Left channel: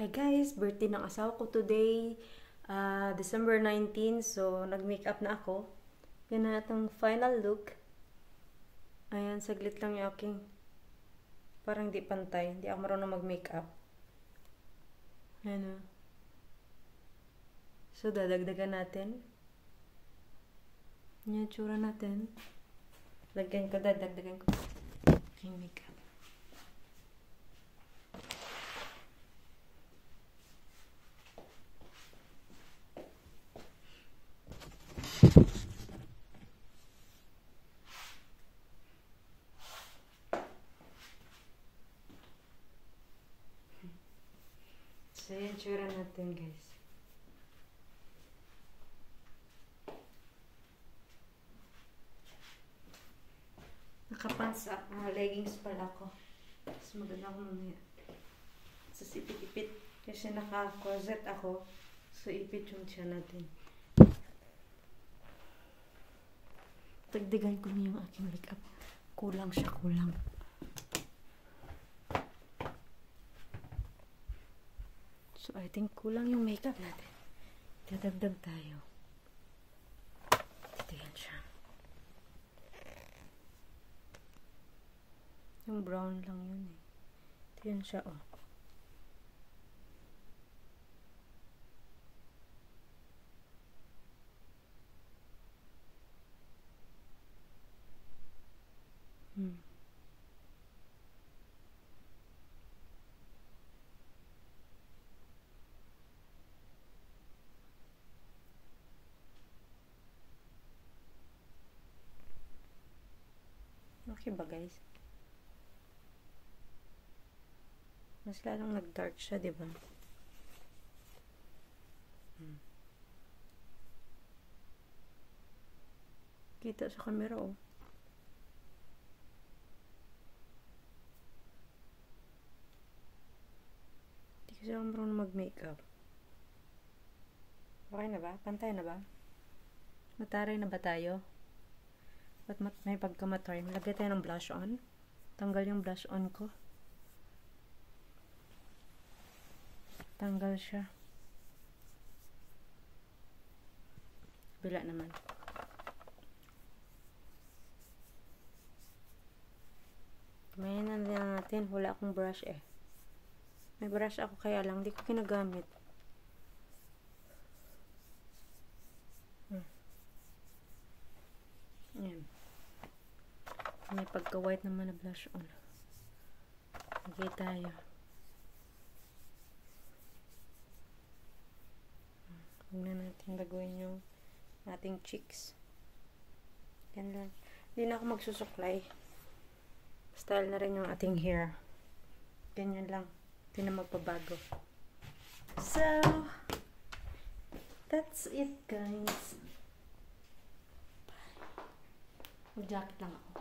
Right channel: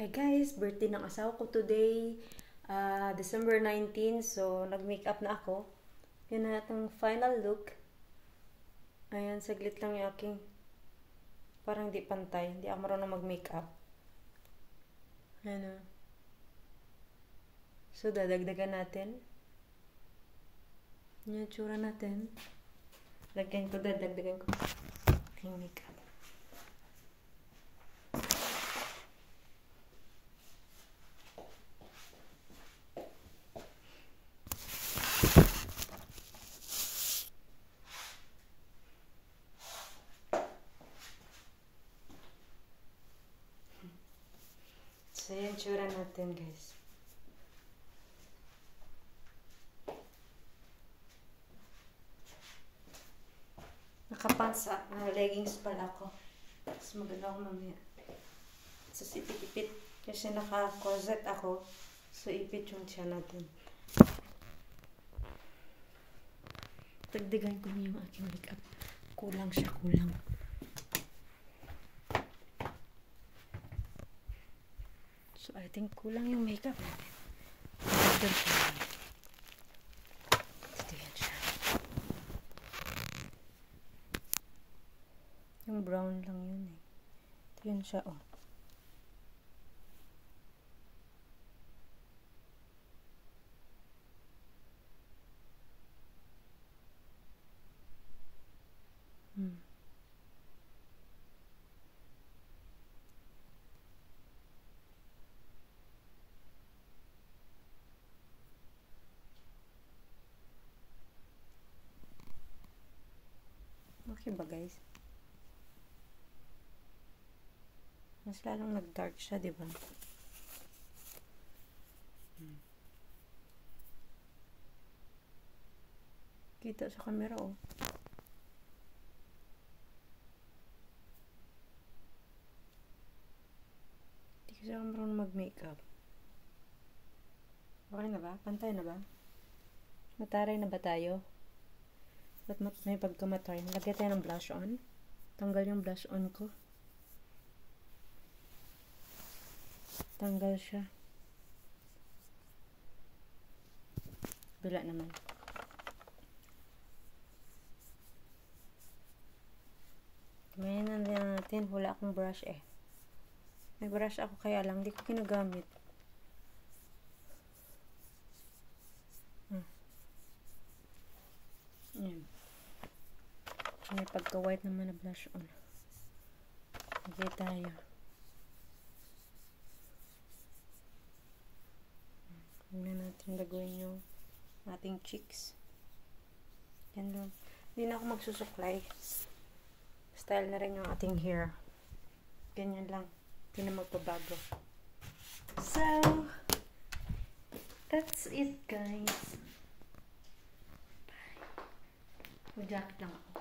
Hi guys, birthday ng asawa ko today, December 19, so nag-makeup na ako. Yan na itong final look. Ayan, saglit lang yung aking, parang di pantay, hindi ako marunong mag-makeup. Ayan na. So, dadagdagan natin. Yan yung tsura natin. Dadagdagan ko aking makeup. So, yan tsura natin, guys. Nakapants leggings pala ako. Mas maganda ako mamaya. So, ipit-ipit. Kasi naka-corset ako. So, ipit yung tiyan natin. Dagdagan ko na yung aking makeup. Kulang siya, kulang. So, I think kulang yung makeup natin. Dagdag siya. Dito yan siya. Yung brown lang yun eh. Ito yun siya, oh. Okay ba, guys? Mas lalong nag-dark siya, di ba? Kita sa camera, oh. Hindi kasi ako marunong mag-makeup. Okay na ba? Pantay na ba? Mataray na ba tayo? Ba't may pagkamatay? Lagay tayo ng blush on. Tanggal yung blush on ko. Tanggal siya. Bila naman. Gamayan na lang natin. Wala akong brush eh. May brush ako kaya lang. Hindi ko ginagamit. Ayan. May pagka-white naman na blush on. Lagay tayo. Huwag na natin laguin yung ating cheeks. Yan lang. Hindi na ako magsusuklay. Style na rin yung ating hair. Ganyan lang. Hindi na magpabago. So, that's it, guys. Bye. Mag-jacket lang ako.